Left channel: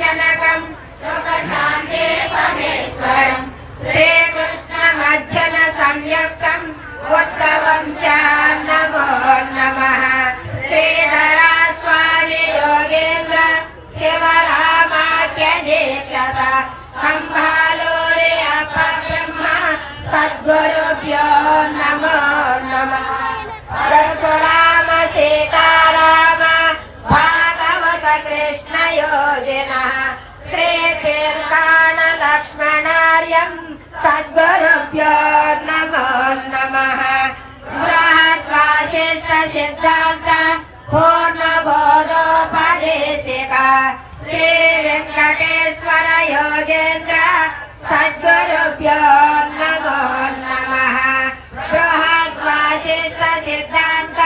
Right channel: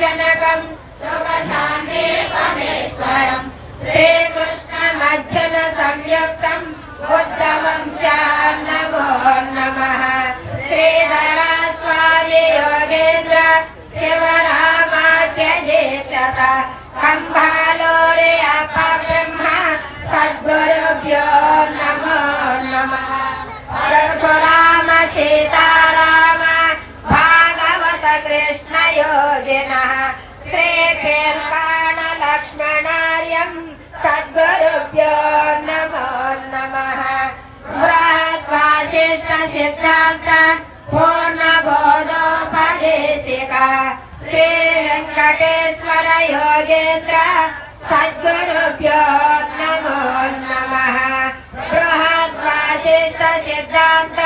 जनकं सुखशान्ति परमेश्वरं श्रीकृष्णमर्जुन संयुक्तं उद्धवं च नमो नमः। श्रीधरा स्वामी योगेन्द्र शिवरामाख्यदेशत कंभालोरे अपब्रह्म सद्गुरुभ्यो नमो नमः। परशुराम सीताराम भागवत कृष्ण योगिनः श्रीकीर्तन लक्ष्मणार्यं सद्गुरुभ्यो नमो नमः। बृहद्वासिष्ठ सिद्धान्त पूर्णबोधोपदेशिका श्री वेंकटेश्वर योगेन्द्र सद्गुरुभ्यो नमो नमः। बृहद्वासिष्ठ सिद्धान्त